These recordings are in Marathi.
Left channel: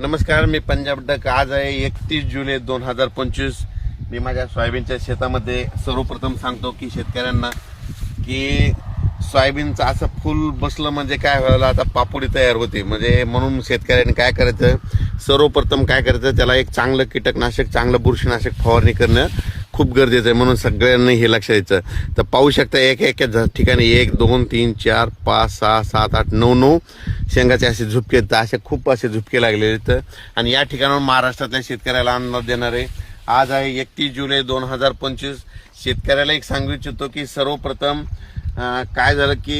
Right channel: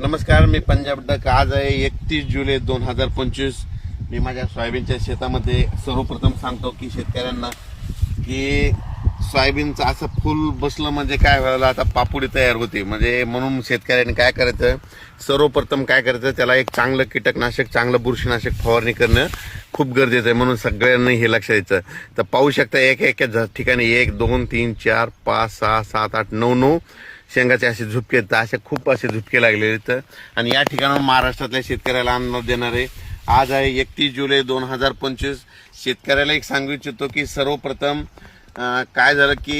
नमस्कार मी पंजाब डक आज आहे एकतीस जुलै दोन हजार पंचवीस मी माझ्या सोयाबीनच्या शेतामध्ये सर्वप्रथम सांगतो की शेतकऱ्यांना की सोयाबीनचं असं फुल बसलं म्हणजे काय व्हायला आता पापुडी तयार होती म्हणजे म्हणून शेतकऱ्यांनी काय करायचं सर्वप्रथम काय करायचं त्याला एक चांगलं कीटकनाशक चांगलं बुरशीनाशक फवारणी करणं खूप गरजेचं आहे म्हणून सगळ्यांनी हे लक्ष द्यायचं तर पाहू शकता एक एक ठिकाणी एक दोन तीन चार पाच सहा सात आठ नऊ नऊ शेंगाचे असे झुपके तर असे खूप असे झुपके लागलेले आहेत आणि या ठिकाणावर महाराष्ट्रातल्या शेतकऱ्याला अंदाज देणारे आज आहे एकतीस जुलै दोन हजार पंचवीस शेतकऱ्याला एक सांगू इच्छितो की सर्वप्रथम काय झालं की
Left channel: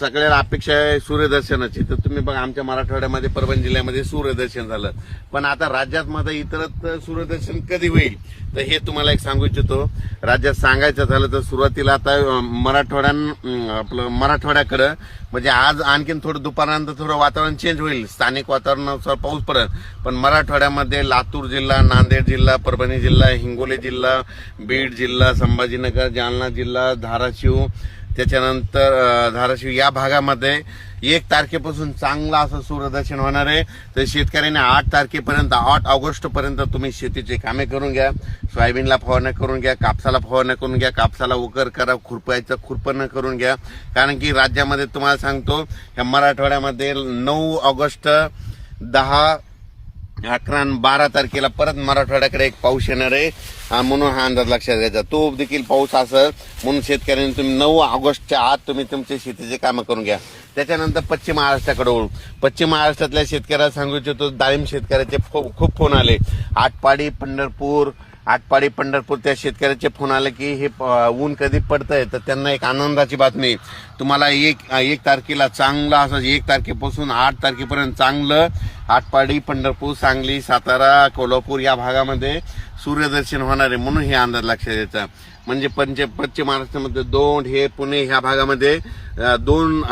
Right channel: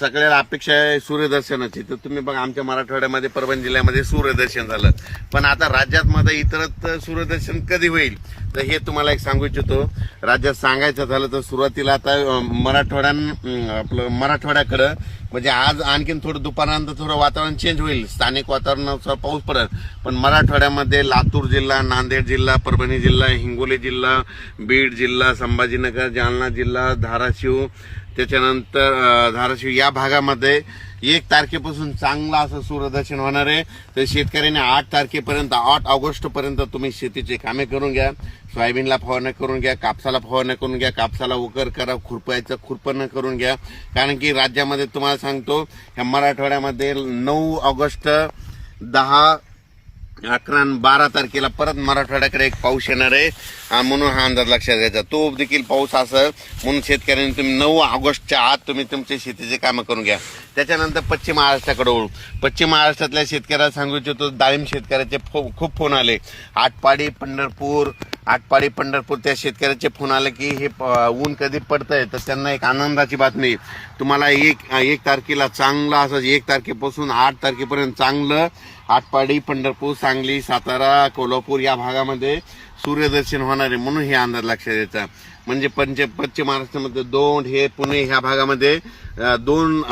सगळ्याला अपेक्षा आहे सूर्यदर्शनाची तर तुम्ही बघा आमच्या मराठवाड्यामध्ये परभणी जिल्ह्यामध्ये सूर्यदर्शन झालं पण आता राज्यात मात्र इतरत सूर्यदर्शन कधी होईल तर हे तुम्हाला एक सांगू इच्छितो राज्यात सांगायचं झालं तर सुरुवातीला आता मराठवाड्यान आपलं मराठवाड्याकडं म्हणजे आज आणखीन थोडं दुपारनंतर थोडं वातावरण चेंज होईल स्थानिक वातावरणानुसार पाऊस पडत पण मराठवाड्यामध्ये लातूर जिल्हा नांदेड जिल्हा परभणी जिल्हा हिंगोली जिल्हा बीड जिल्हा संभाजीनगर जालना जिल्हा धाराशिव त्याच्यानंतर धाराशिव या भागामध्ये एक तारखेपासून चांगला असं सूर्यदर्शन होणार आहे तर शेतकऱ्यांनी आठ तारखेपर्यंत आठ ऑगस्ट पर्यंत तुम्ही शेतीचे कामे करून घ्या सोयाबीनला फवारणी करून घ्या कापसाला फवारणी करून घ्या कापसाला उकर करा खुरपायचं खुरपणं करून घ्या कारण की राज्यामध्ये तुम्हाला सांगतो या मराठवाड्यामध्ये नऊ ऑगस्ट दहा अकरा बारा तारखेला परत मराठवाड्याकडे एक पाऊस येणार आहे म्हणून हा अंदाज लक्षात घ्यायचा तो देखील पाऊस असेल म्हणून शेतकऱ्यांनी तुम्ही नऊ ऑगस्टच्या आत तुम्ही तुमचे शेतीचे कामं करून घ्या त्याच्यानंतर पश्चिम महाराष्ट्राकडे वळू पश्चिम महाराष्ट्रातल्या शेतकऱ्याला सांगू इच्छितो डाळिंब शेतकऱ्याचे खूप फोन आले आटपाडी पंढरपूर आटपाडी पंढरपूर त्या शेतकऱ्याचे फोन आले की हे ऊन कधी पडतंय तर त्यांना एक आनंदाची बातमी तुम्हाला एक एक तारखेला चांगला असं एक तारखेपासून आठ तारखेपर्यंत चांगलं आटपाडी पंढरपूर सांगली सातारा कोल्हापूर या भागामध्ये सूर्यदर्शन होणार आहे म्हणून हे अंदाज लक्षात येतं म्हणजे पंच पश्चिम महाराष्ट्रामध्ये दोन हे पुणे ह्या भागामध्ये दोन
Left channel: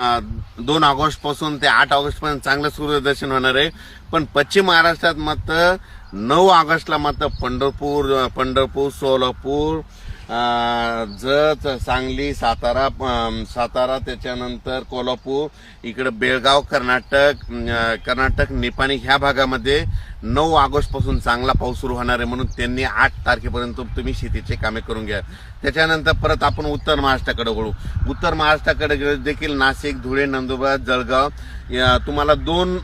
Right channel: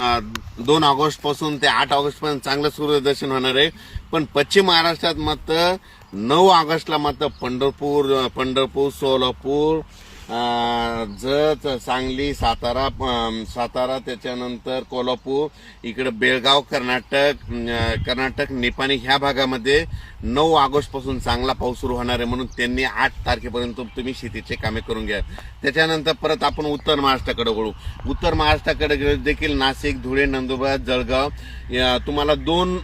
दोन ऑगस्ट पासून ते आठ ऑगस्ट पर्यंत चांगलं सूर्यदर्शन होणार आहे पण पश्चिम महाराष्ट्रात मात्र नऊ ऑगस्टला मात्र पंढरपूर पंढरपूर सोलापूर जत सांगली सातारा सातारा त्याच्यानंतर कोल्हापूर इकडे बेळगाव कर्नाटक कर्नाटक निपाणी ह्या भागामध्ये नऊ पासून चांगला पाऊस सुरू होणार आहे म्हणून त्यांनी आठ तारखेपर्यंत तुम्ही शेतीचे कामे करून घ्या त्याच्यानंतर परत आपण उत्तर महाराष्ट्राकडे वळू उत्तर महाराष्ट्राकडे देखील नाशिक धुळे नंदुरबार जळगाव तुम्हाला दोन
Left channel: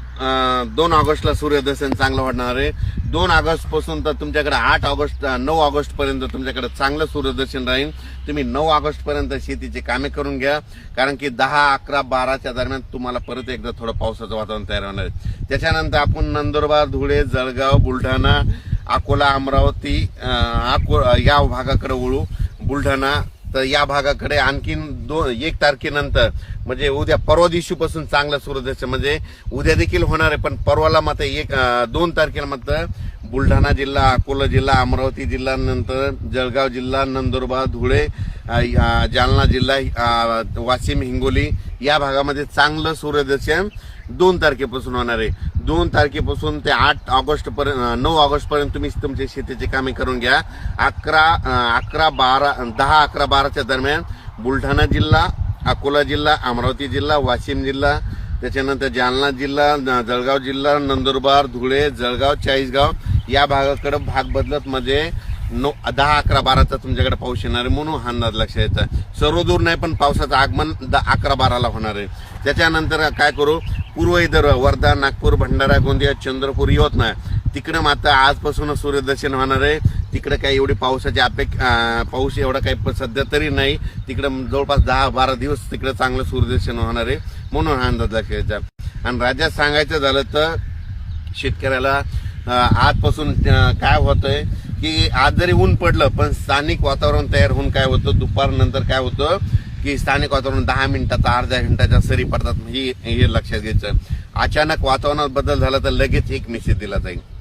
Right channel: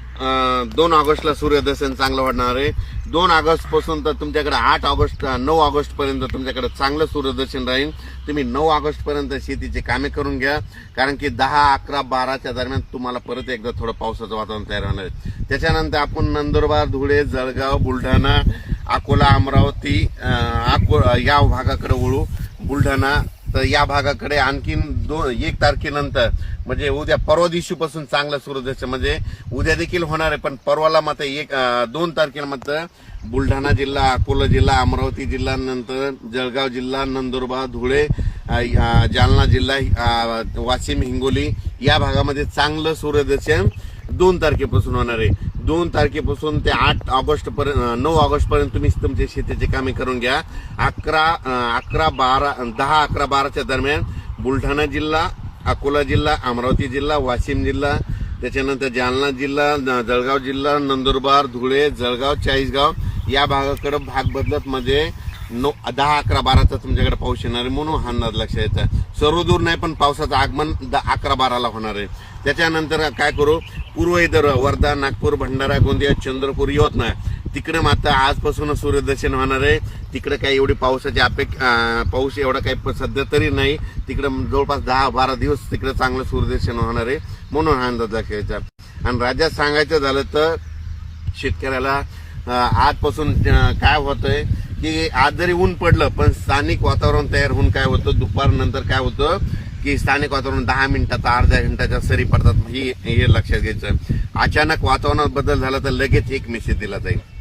दोन ऑगस्टला सूर्यदर्शन चांगलं वाढणार आहे दोन ऑगस्टपासून तर तुमच्याकडे आठ ऑगस्ट नऊ ऑगस्टपर्यंत तुमच्याकडे चांगलं सूर्यदर्शन राहील तुम्ही नऊ ऑगस्टपर्यंत शेतीची कामे करून घ्या कारण की दहा अकरा बाराच्या दरम्यान तुम्हाला परत एकदा थोडं पावसाचं वातावरण तयार होणार आहे त्याच्यानंतर आपण नंदुरबार धुळे जळगाव बुलढाणा अकोला अमरावती या भागाकडे वळू बुलढाणा तर या भागाकडे आणखीन दोन एक तारखेनंतर म्हणजे उद्या परवा दिवशीपासून चांगला सूर्योदय म्हणजे उद्या देखील होणार आहे पण परवाला मात्र एक दोन तारखेला मात्र बुलढाणा जिल्हा अकोला जिल्हा अमरावती जिल्हा नंतर जळगाव जिल्हा नंदुरबार धुळे जालना जिल्हा वाशिम हिंगोली या भागामध्ये चांगलं सूर्यदर्शन दोन तारखेपासून होणार आहे दोन तारखेपासून ते आठ ऑगस्ट पर्यंत नऊ ऑगस्ट पर्यंत तुम्ही तुमच्या शेतीचे कामे करून घ्या अकरा अकरा बारा दहा अकरा बाराच्या दरम्यान बुलढाणा जिल्हा अकोला जिल्हा अमरावती जिल्हा वाशिम जिल्हा त्याच्यानंतर जालना जिल्हा जळगाव जिल्हा नंदुरबार धुळे जळगाव चाळीसगाव या भागाकडे भाग बदलत म्हणजे नो दहा अकरा बाराचा तुमच्याकडे पाऊस येणार आहे म्हणून हा अंदाज लक्ष यायचा सर्व दूर नाही पण पावसाचं आगमन दहा अकरा बाराला होणार आहे त्याच्यानंतर काय करू पूर्व इतर वर्धा नागपूर भंडारा गोंदिया चंद्रपूर यवतमाळ तिकडे मात्र आजपासूनच सूर्यदर्शन होणार आहे तिकडे काही एवढी पावसाची अपेक्षा पाऊस एवढा काही सध्या तरी नाही तिकडे जवळपास दहा बारा दिवस तिकडे चांगलं सूर्यदर्शन होणार आहे म्हणून हा अंदाज लक्ष यायचा आणि राज्यात सांगायचं झालं तर शेतकऱ्याला आजपासून काय होतंय की आज जरी ऊन पडलं पण स्थानिक वातावरण तयार होऊन काय होतं दुपारनंतर काय होतं की स्थानिक वातावरण दहा मिनिटाचा अर्ध्या घंटाच्या सरी पडतात हे लक्षात घ्यायचं अचानक वातावरणात बदल झाला तर लगेच एक मेसेज दिला जाईल